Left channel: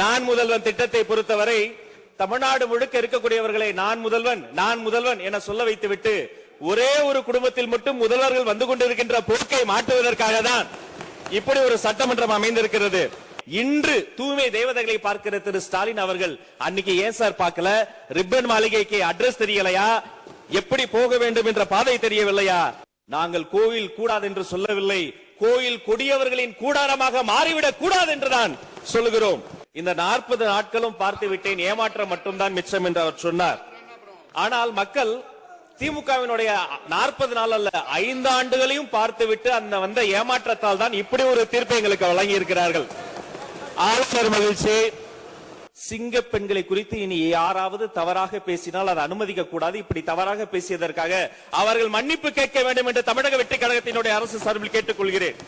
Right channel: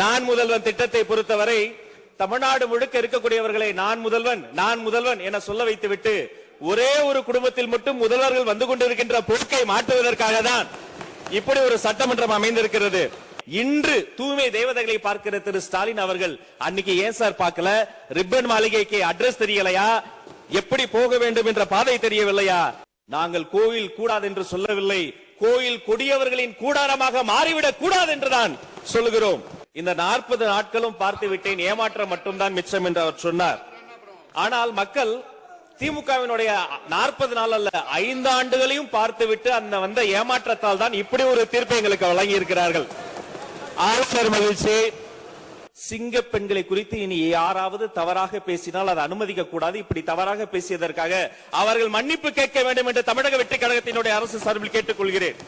நான் முதல்வன் திட்டத்தை பொறுத்தவரை தமிழ்நாடு முழுக்க இருக்கக்கூடியவர்களை நான் முதல்வன் என சொல்ல வைத்துவிட்டு ஒரே ஒரு குடும்பத்தில் மட்டும் முதல்வர்கள் வந்து கொண்டிருக்கின்ற போக்கை மாற்றுவதற்காக தான் இப்படி ஒரு சட்டமன்றம் அமைந்திருக்கிறது. இன்று தூய்மை தேவதைகளை பார்க்கிற திரு ஸ்டாலின் அவர்கள் அன்னைக்கு ஏன் சார் பார்க்கல? ரிப்பன் மாளிகைக்கு அட்ரஸ் தெரியலையா? எப்படி போக வேண்டும் என்ற பாதை தெரியவில்லையா? நாங்கள் கோயில் கூடாது என்று சொல்லவில்லை, கோயில் கொடியவர்களின் கூடாரமாக மாறிவிடக் கூடாது என்றுதான் சொல்லுகிறோம். இந்த 40 நாட்களும் பார்த்து விட்டேன், ஏமாற்றம் மட்டும்தான் மிச்சம் என்று அவர் சொன்னார். ஆனால் மக்கள் திமுகவினுடைய 40 நாள் அல்ல 5 ஆண்டுகளையும் பார்த்துவிட்டு அந்த வந்த ஏமாற்றத்தால் தான் இப்படி ஒரு தீர்ப்பை எங்களுக்கு வழங்கி இருக்கிறார்கள். ஆளுநர் மகிழ்ச்சி. சிங்க பெண்களை குறித்து இனி யாராவது தவறாக பேசினால் அதை அனுமதிக்க கூடாது. இப்படி தவறாக பேசியதற்காக அவர்கள் மன்னிப்பு கேட்க வேண்டும் என்று தமிழக வெற்றி கழகத்தினுடைய அரசு சார்பில் கேட்டுக் கொள்கிறேன்.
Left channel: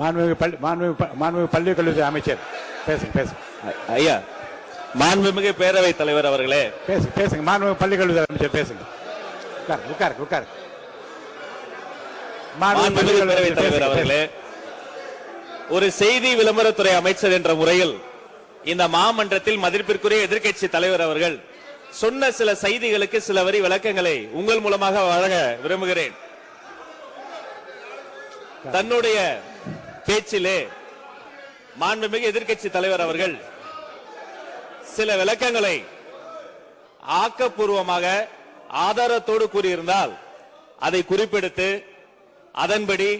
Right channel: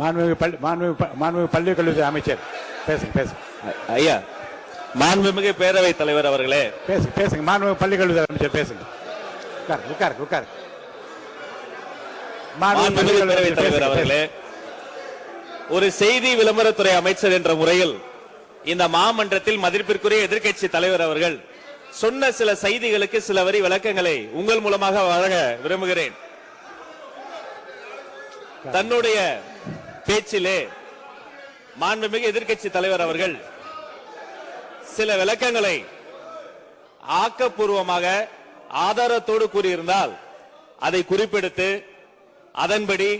மாண்புமிகு பள்ளி கல்வித்துறை அமைச்சர் பேசுங்க. ஐயா, மாண்புமிகு பேரவைத் தலைவர் அவர்களே பேசுங்க. மாண்புமிகு பள்ளி கல்வித்துறை அமைச்சர் பேசுங்க. உட்கார். மாண்புமிகு பேரவைத் தலைவர் அவர்களே, ஒரு செய்தி விளம்பரத்துறை அமைச்சர் என்ற முறையில் இந்த மாமன்றத்தில் மதிப்பிற்குரிய எதிர்க்கட்சி தலைவர் அவர்கள் சொன்ன சில செய்திகளுக்கு சில வரி விளக்கங்களை உங்கள் மூலமாக வழங்க விரும்புகிறேன். தன்னுடைய பேச்சிலே மாண்புமிகு எதிர்க்கட்சி தலைவர் அவர்கள் சில விளக்கங்களை ஆக்கப்பூர்வமாக ஆதாரத்தோடு கூறியிருந்தால் அதை குறிப்பெடுத்து அதன்படி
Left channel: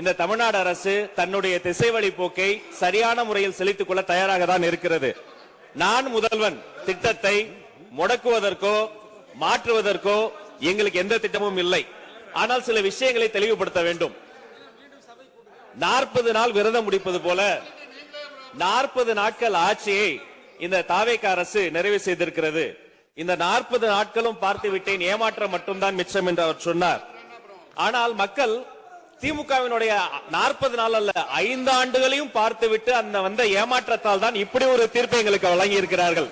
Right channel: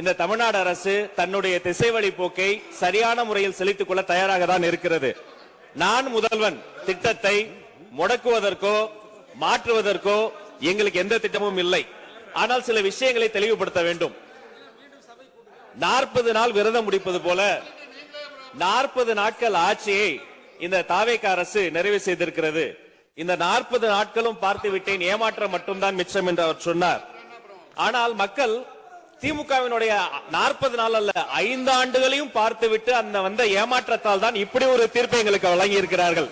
இந்த தமிழ்நாடு அரசு தன்னுடைய திசைவழி போக்கை சரியான முறையில் செலுத்திக் கொள்ள தயாராக தான் இருக்கிறது. நான் முதல்வன் திட்டத்தை முடக்குவதற்கோ மாற்றுவதற்கோ எங்களுக்கு எந்த திட்டமும் இல்லை. ஆனால் சில விஷயங்களை தெளிவுபடுத்த வேண்டும். 40 நாள் விரதம் முடிப்பது போல 40 நாட்கள் ஆட்சியை இந்த தாவேக அரசு நிறைவு செய்திருக்கிறது. இந்த 40 நாட்களும் பார்த்து விட்டேன், ஏமாற்றம் மட்டும்தான் மிச்சம் என்று அவர் சொன்னார். ஆனால் மக்கள் திமுகவினுடைய 40 நாள் அல்ல 5 ஆண்டுகளையும் பார்த்துவிட்டு அந்த வந்த ஏமாற்றத்தால் தான் இப்படி ஒரு தீர்ப்பை எங்களுக்கு வழங்கி இருக்கிறார்கள்.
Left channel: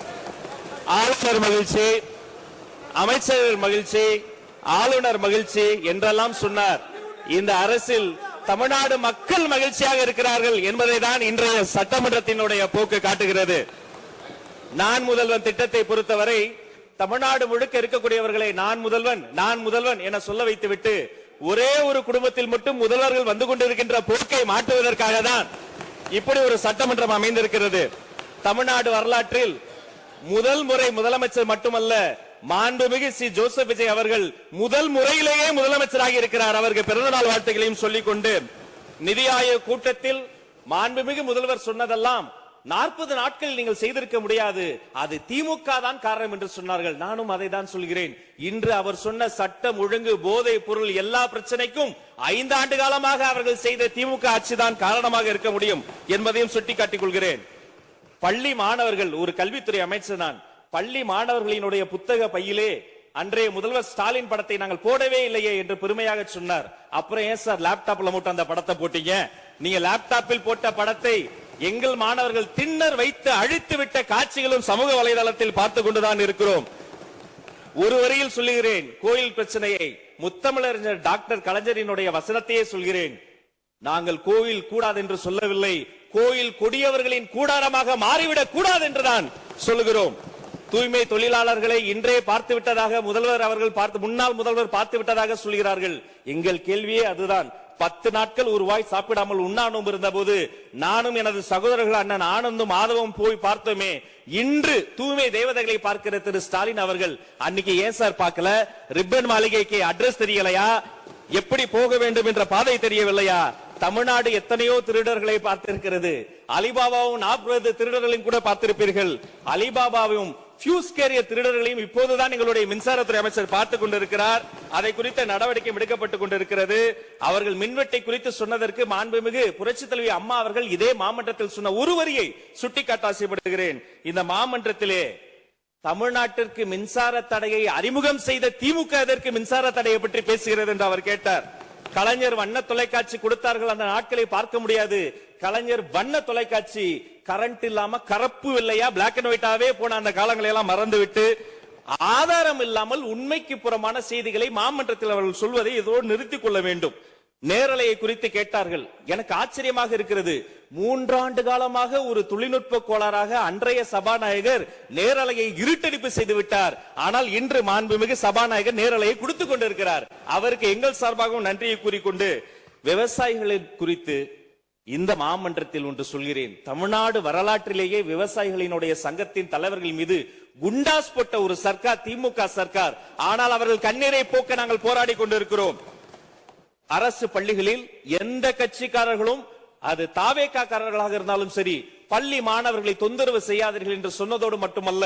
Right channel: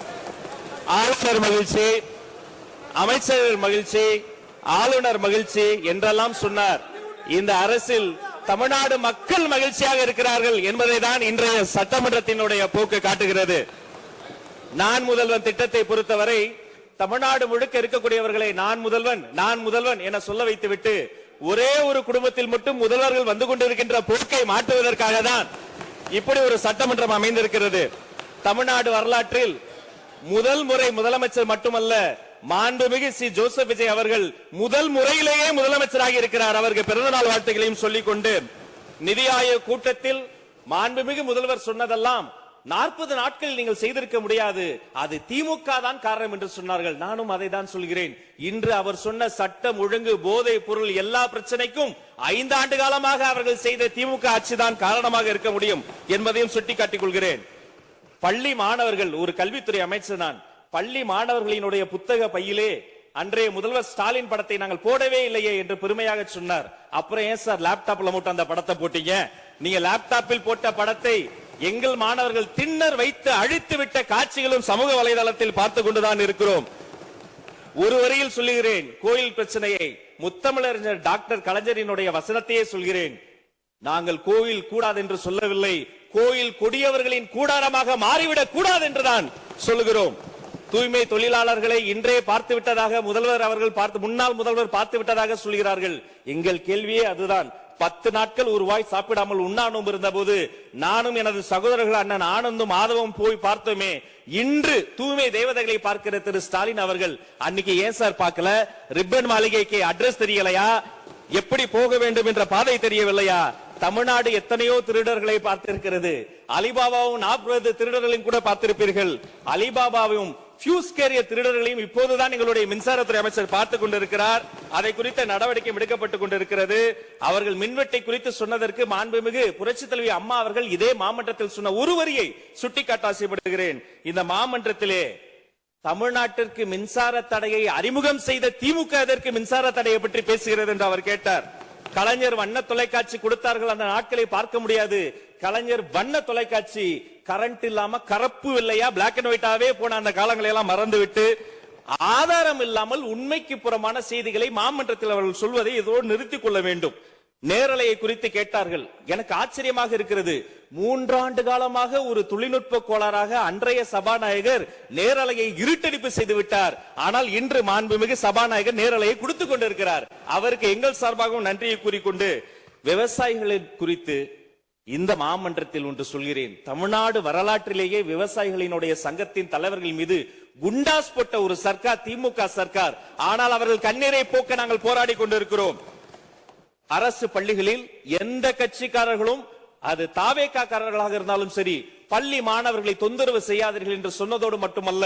ஆளுநர் மகிழ்ச்சி, அமைச்சர்கள் மகிழ்ச்சி, ஆளுநர் மகிழ்ச்சி என்றெல்லாம் சொன்னார். இந்த அரசில் தமிழ்நாடு மக்கள் மகிழ்ச்சியாக இருக்கிறார்கள் என்பதை தான் இன்றைய சட்டமன்றத்தினுடைய போக்கு காட்டுகிறது. நான் முதல்வன் திட்டத்தை பொறுத்தவரை தமிழ்நாடு முழுக்க இருக்கக்கூடியவர்களை நான் முதல்வன் என சொல்ல வைத்துவிட்டு ஒரே ஒரு குடும்பத்தில் மட்டும் முதல்வர்கள் வந்து கொண்டிருக்கின்ற போக்கை மாற்றுவதற்காக தான் இப்படி ஒரு சட்டமன்றம் அமைந்திருக்கிறது. தமிழ்நாடு வரலாற்றில் முதல் முறை முதலமைச்சர் மட்டுமல்ல, மாண்புமிகு சி ஜோசப் விஜய் அவர்கள் முதல் முறையிலேயே முதலமைச்சராக இருக்கிறார். அவருக்கு பிறந்தநாள் வாழ்த்துக்களையும் சொல்லிக் கொண்டு நிதி ஆயோக் கூட்டத்தில் மாண்புமிகு முதல்வர் சொன்னதெல்லாம் 40 நாட்கள் நீங்கள் செய்திருக்க முடியாது, அது திமுக தான் காரணம் என்று சொன்னார்கள். நானும் அதை தான் சொல்கிறேன். இன்று அவர் சொன்ன சட்டம் ஒழுங்கு, போதை பொருள் எல்லா பிரச்சனைக்கும் 5 ஆண்டு காலமாக அவர்கள் செய்த திமுக ஆட்சிதான் காரணமாக இருக்க முடியும் என்பதையும் சுட்டிக்காட்டிக் கொள்கிறேன். பள்ளி மாணவர்கள், ஒரு கல்வித்துறை அமைச்சர் நான், பள்ளி மாணவர்களினுடைய புத்தக பையிலே அன்றைய முதல்வர் ஸ்டாலின் படத்தை நாங்கள் போடவே இல்லையே என்று பெருமையாக சொன்னார். அப்புறம் ஏன் சார் லேப்டாப்ல மட்டும் அந்த படத்தை போட்டீங்க? நீங்க லேப்டாப்பில் போட்ட படத்தை எங்கள் மாணவர்கள் திண்ணர் வைத்து அழித்து விட்ட காட்சிகளும் சமூக வலைதளத்தில் பார்த்துக் கொண்டுதான் இருக்கிறோம். ஒரு வரியில் சொல்லுகிறேன், கோயில் பிரச்சனையை முத்தமிழறிஞர் டாக்டர் கலைஞரினுடைய வசனத்தையே சொல்கிறேன். நாங்கள் கோயில் கூடாது என்று சொல்லவில்லை, கோயில் கொடியவர்களின் கூடாரமாக மாறிவிடக் கூடாது என்றுதான் சொல்லுகிறோம். தூய்மை தொழிலாளர்களை இன்றே பார்த்து விட்டதாக முன்னாள் முதல்வர் பார்த்து விட்டதாக சொல்கிறார்கள். எங்கள் கேள்வியே அதுதான். 10 நாட்கள் ஒரு வாய் சாப்பிடாமல் உண்ணானும் இருந்த போது நானும் எனது சகோதரர்கள் அண்ணன் ஆனந்தும் ஆதவும் போய் பார்த்தோமே. இன்று தூய்மை தேவதைகளை பார்க்கிற திரு ஸ்டாலின் அவர்கள் அன்னைக்கு ஏன் சார் பார்க்கல? ரிப்பன் மாளிகைக்கு அட்ரஸ் தெரியலையா? எப்படி போக வேண்டும் என்ற பாதை தெரியவில்லையா? தமிழ்நாடு எத்தனையோ திருடர்களை பார்த்திருக்கிறது. அலிபாபாவும் 40 திருடர்களையும் கூட பார்த்திருப்பீர்கள். அலிபாபாவும் பியூஸ் கேரிய திருடர்களையும் இப்போதுதான் எங்களுடைய மின்சாரத்துறை அமைச்சர் பார்த்துக் கொண்டிருக்கிறார். அதை குறித்த நடவடிக்கை எடுக்கப்பட்டுக் கொண்டிருக்கிறது. அவர்கள் மின்வெட்டை குறித்து சொன்னதற்கு மாண்புமிகு புரட்சித் தலைவி அம்மா அவர்கள் இதே மாமன்றத்தில் சொன்ன ஒரு வரியை சுட்டிக்காட்ட ஆசைப்படுகிறேன். இந்த மாமன்றத்திலே தமிழ்நாட்டிற்கு மின்சார தடையை அறிமுகம் செய்த திமுக அதற்கு மின்சார தடையை பற்றி பேசுகிறது என்று அவர் கேட்டார். கலைஞர் வண்ண தொலைக்காட்சி கொடுத்தார்கள், அந்த நாட்களை பார்க்க முடியாது. கலைஞர் வண்ண தொலைக்காட்சி கரண்ட் இல்லாம கரப்பு இல்லையா பிளாக் அண்ட் ஒயிட்டாவே போன அந்த காலங்களை எல்லாம் மறந்துவிட்டு ஆதாரம் இல்லாமல் உண்மைக்கு புறமான செய்திகளை மாமன்றத்தில் அவர்கள் சொல்வதை இதோடு நிறுத்திக் கொள்ள வேண்டும். நேரலையை குறித்து கேட்டார்கள். எனக்கு ஆச்சரியமாக இருக்கிறது. 3 ஆண்டு காலமாக ஒரு தொழில்நுட்ப கோளாறாக அன்றைய சபாநாயகர் நேரலையை இருட்டடிப்பு செய்து விட்டார். ஆனால் இன்று மாண்புமிகு சபாநாயகர் நேரலையை கொடுத்துக் கொண்டிருக்கிறார். அவருக்கு எங்கள் சார்பாகவும் நன்றியை கூறிக்கொண்டு, விவசாயிகளை குறித்து இந்த மாமன்றத்தில் ஒன்று சொல்கிறேன். தமிழ்நாடு வரலாற்றிலேயே விவசாயிகளினுடைய சங்கத்தின் தலைவர்கள் மீது குண்டாஸ் போட்ட ஒரு சர்க்கார் திமுக சர்க்கார். ஆனால் அவர்கள் கண்ணீரை போக்க நாங்கள் போராடி கொண்டிருக்கிறோம். அரசு பள்ளிகளில் எந்த கட்சிக்காரர்களும், அது தாவேக்காரர்களாக இருந்தாலும் சரி, பள்ளி மாணவர்களை தொந்தரவு செய்யாதீர்கள் என்று சொன்னதோடு மட்டுமல்ல,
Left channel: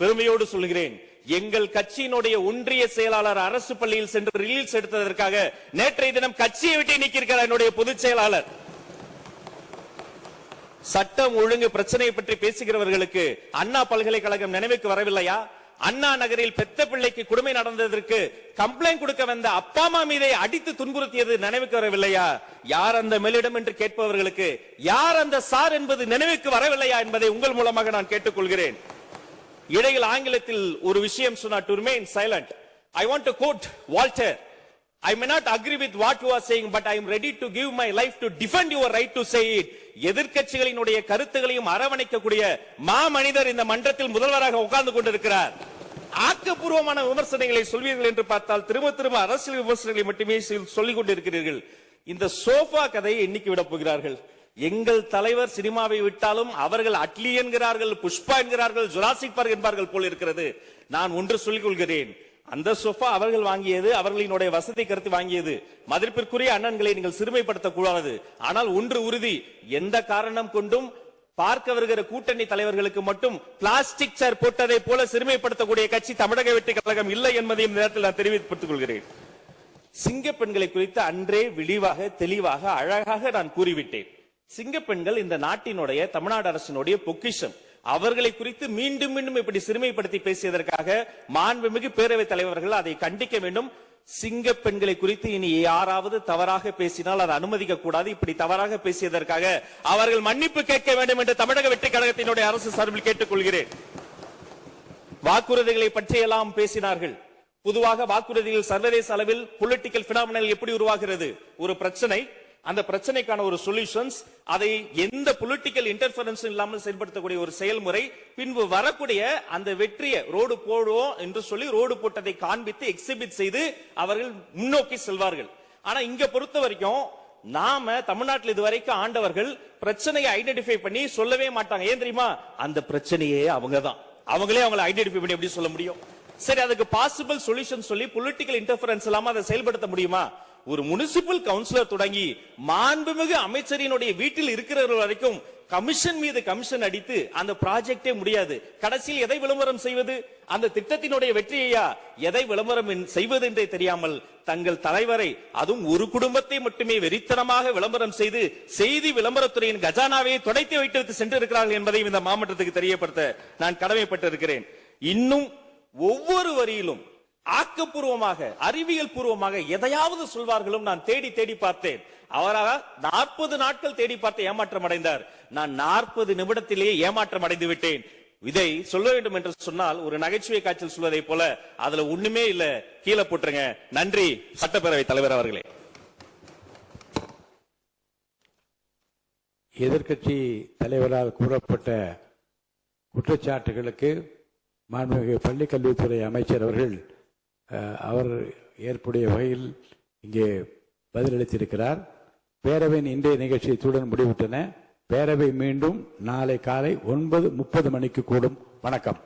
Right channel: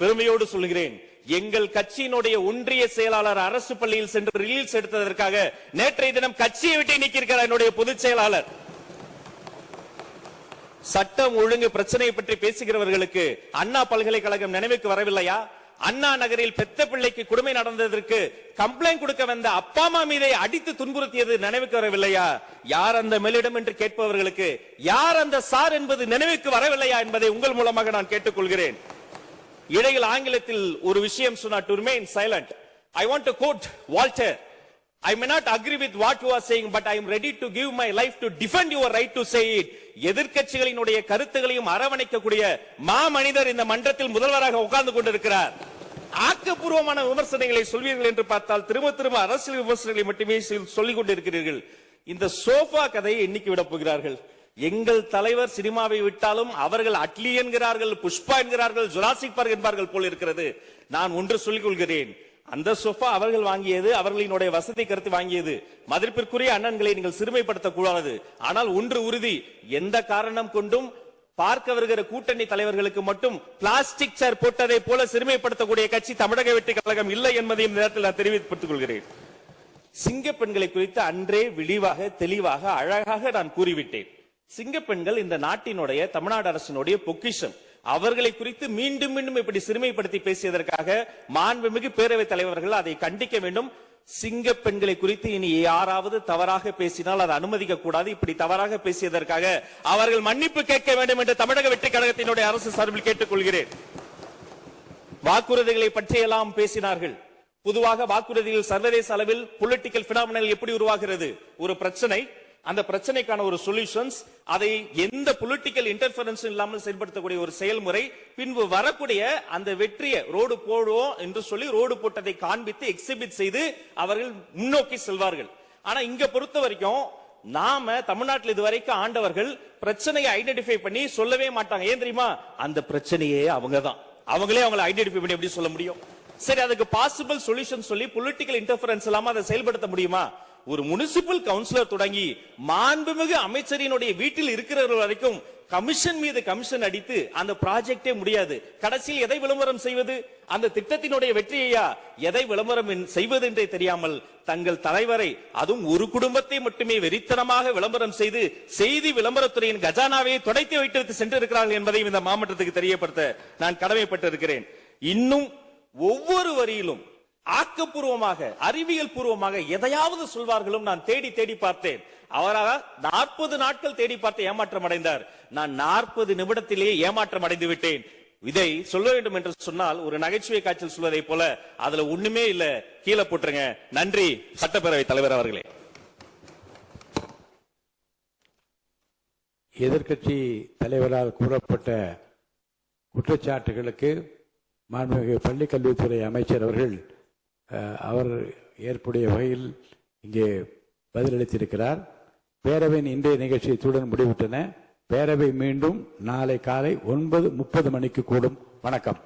பெருமையோடு சொல்கிறேன், எங்கள் கட்சியினுடைய ஒன்றிய செயலாளர் அரசு பள்ளியில் சென்று ரிலீஸ் எடுத்ததற்காக நேற்றைய தினம் கட்சியை விட்டு நீக்கியிருக்கிறார் என்னுடைய பொதுச் செயலாளர். சட்டம் ஒழுங்கு பிரச்சனையை பற்றி பேசுகிறவர்களுக்கு அண்ணா பல்கலைக்கழகம் நினைவுக்கு வரவில்லையா? அண்ணா நகரில் பெத்த பிள்ளைக்கு கொடுமை நடந்ததற்கு கம்ப்ளைண்ட் கொடுக்க வந்த அப்பா அம்மா மீதை அடித்து துன்புறுத்தியது நினைவுக்கு வரவில்லையா? யார் அந்த மேலிடம் என்று கேட்பவர்களுக்கு யார் அந்த சார் என்பது நினைவுக்கு வரவில்லையா என்பதை உங்கள் மூலமாக நான் கேட்டுக்கொள்கிறேன். இடையில் ஆங்கிலத்தில் ஒரு விஷயம் சொன்னார், to remain silent. I want to quote Walter. I may not agree with what you are saying, but I am ready to give my life to defend your right to say it. எதிர்க்கட்சிகளினுடைய கருத்துகளையும் அரவணைக்கக்கூடிய மாமனிதர் இந்த மன்றத்தில் முதல்வராக உட்கார்ந்து கொண்டிருக்கிறார். ஆக்கப்பூர்வமான விமர்சனங்களை சொல்வீர்கள் என்று பார்த்தால் திரும்ப திரும்ப அரசியல் விமர்சனங்களை மட்டுமே சொல்லிக் கொண்டிருக்கிறீர்கள். இந்த சோஃபா கதையை என்னைக்கு விட போகிறார்கள்? எங்கள் தலைவர் சினிமாவை விட்டாலும் அவர்கள் அட்லி என்கிறார்கள், புஷ்பா என்கிறார்கள், ஜுராசிக் பார்க் என்பார்கள் போல் இருக்கிறது. நான் ஒன்று சொல்லிக் கொள்கிறேன், அந்த சோஃபா அவர்கள் வாங்கியது, அவர்களினுடைய வசதி கருத்து வாங்கியது. மதிப்பிற்குரிய அண்ணன்களை நீங்கள் சிறுமைப்படுத்தக் கூடாது. ஆனால் ஒன்று உறுதி, எந்த காரணம் கொண்டும் பார்க்க வருகிற கூட்டணி தலைவர்களுக்கு மட்டும் பிளாஸ்டிக் சேர் போட்டதை போல சிறுமைப்படுத்தக்கூடிய கட்சி தமிழக வெற்றி கழகம் இல்லை என்பதையும் நேரத்தில் நான் தெரிவித்துக் கொள்கிறேன். சிங்க பெண்களை குறித்து அன்றே விழிவாக தெளிவாக அழகாக நான் கூறிவிட்டேன். சிங்க பெண்கள் இந்த நாட்டினுடைய தமிழ்நாடு அரசினுடைய பொக்கிஷம். அவர்களை குறித்து மீண்டும் மீண்டும் இப்படி சிறுமைப்படுத்தி பேசியதற்காக மாண்புமிகு பேரவைத் தலைவர்கள் அதை கண்டிக்க வேண்டும். சிங்க பெண்களை குறித்து இனி யாராவது தவறாக பேசினால் அதை அனுமதிக்க கூடாது. இப்படி தவறாக பேசியதற்காக அவர்கள் மன்னிப்பு கேட்க வேண்டும் என்று தமிழக வெற்றி கழகத்தினுடைய அரசு சார்பில் கேட்டுக் கொள்கிறேன். வாக்குறுதிகளை பற்றியெல்லாம் பேசினார்கள். பொதுவாக வாக்குறுதிகள் சர்வதேச அளவில் பொலிட்டிக்கல் பினாமினல் எப்படி உருவாகிறது? ஒரு பிரச்சனை, அந்த பிரச்சனைக்கான ஒரு சொல்யூஷன்ஸ், அதை எந்த பொலிட்டிக்கல் இன்டர்ஃபரன்ஸ் இல்லாமல் செயல்படுத்தக்கூடிய ஒரு செயல்முறை, பின்பு வரக்கூடிய அந்த வெற்றியை ரோடு போடுவோம் என்று சொல்லி ரோடு போட்டதை காண்பித்து எக்ஸிபிட் செய்து அவர்கள் முன்னோக்கி செல்வார்கள். ஆனா இங்க பொறுத்த வரைக்கும் நாம தமிழ்நாட்டில் இதுவரைக்கும் ஆண்டவர்கள் பிரச்சனையை ஐடென்டிஃபை பண்ணி சொல்லவே மாட்டாங்க. ஏன் தெரியுமா? அந்த பிரச்சனையே அவங்கதான், அவங்களே அவங்களை ஐடென்டிஃபை பண்ணி எப்படி சொல்ல முடியும்? சரி, அதுக்கு பாசிபிள் சொல்யூஷன் சொல்லி பொலிட்டிக்கல் இன்டர்ஃபரன்ஸ் இல்லாம அதை செயல்படுத்த முடியுமா? ஒரு முனிசிபல் கவுன்சிலர் தொடங்கி மாண்புமிகு அமைச்சரினுடைய வீட்டில் இருக்கிறவர்கள் வரைக்கும் கமிஷன் மீது கமிஷன் அடித்து அந்த ப்ராஜெக்டே முடியாது. கடைசியில் எதை விளம்பரம் செய்வது? அந்த திட்டத்தினுடைய வெற்றியையா? எதை விளம்பரம் செய்வது என்றே தெரியாமல் தங்கள் தலைவரை, அதுவும் ஒரு குடும்பத்தை மட்டுமே வெறித்தனமாக விளம்பரம் செய்து செய்தி விளம்பரத்துறையின் கஜானாவை துடைத்து வைத்திருத்து சென்றிருக்கிறார்கள் என்பதையும் இந்த மாவட்டத்துக்கு தெரியப்படுத்த நான் கடமைப்பட்டிருக்கிறேன். இன்னும் ஒவ்வொரு வரியிலும் ஆக்கப்பூர்வமாக அறிவியல் பூர்வமாக எதையாவது சொல்வார்களும் நான் தேடி தேடி பார்த்தேன். அவராக 40 நாட்கள் தேடி பார்த்து ஏமாற்றம் அடைந்தார். நான் 40 நிமிடத்திலேயே ஏமாற்றம் அடைந்து விட்டேன். இதை சொல்ல வேண்டும் என்று சொன்னால் ஒரு நகைச்சுவை காட்சியில் சொல்வதை போல அதுல ஒண்ணுமே இல்ல, கீழே போட்டுருங்க. நன்றி சட்டப்பேரவை தலைவர் அவர்களே. எதிர்க்கட்சி தலைவரால் கூறப்பட்ட குற்றச்சாட்டுகளுக்கு மாண்புமிகு பள்ளிக் கல்வித்துறை அமைச்சர் அவர்கள் அவர் ஏற்புடைய வகையில் இங்கே பதிலளித்திருக்கிறார். பேரவையின் இன்றைய நிகழ்ச்சி இத்துடன் முடிவுற்றன. பேரவை மீண்டும் நாளை காலை 9:30 மணிக்கு கூடும். வணக்கம்.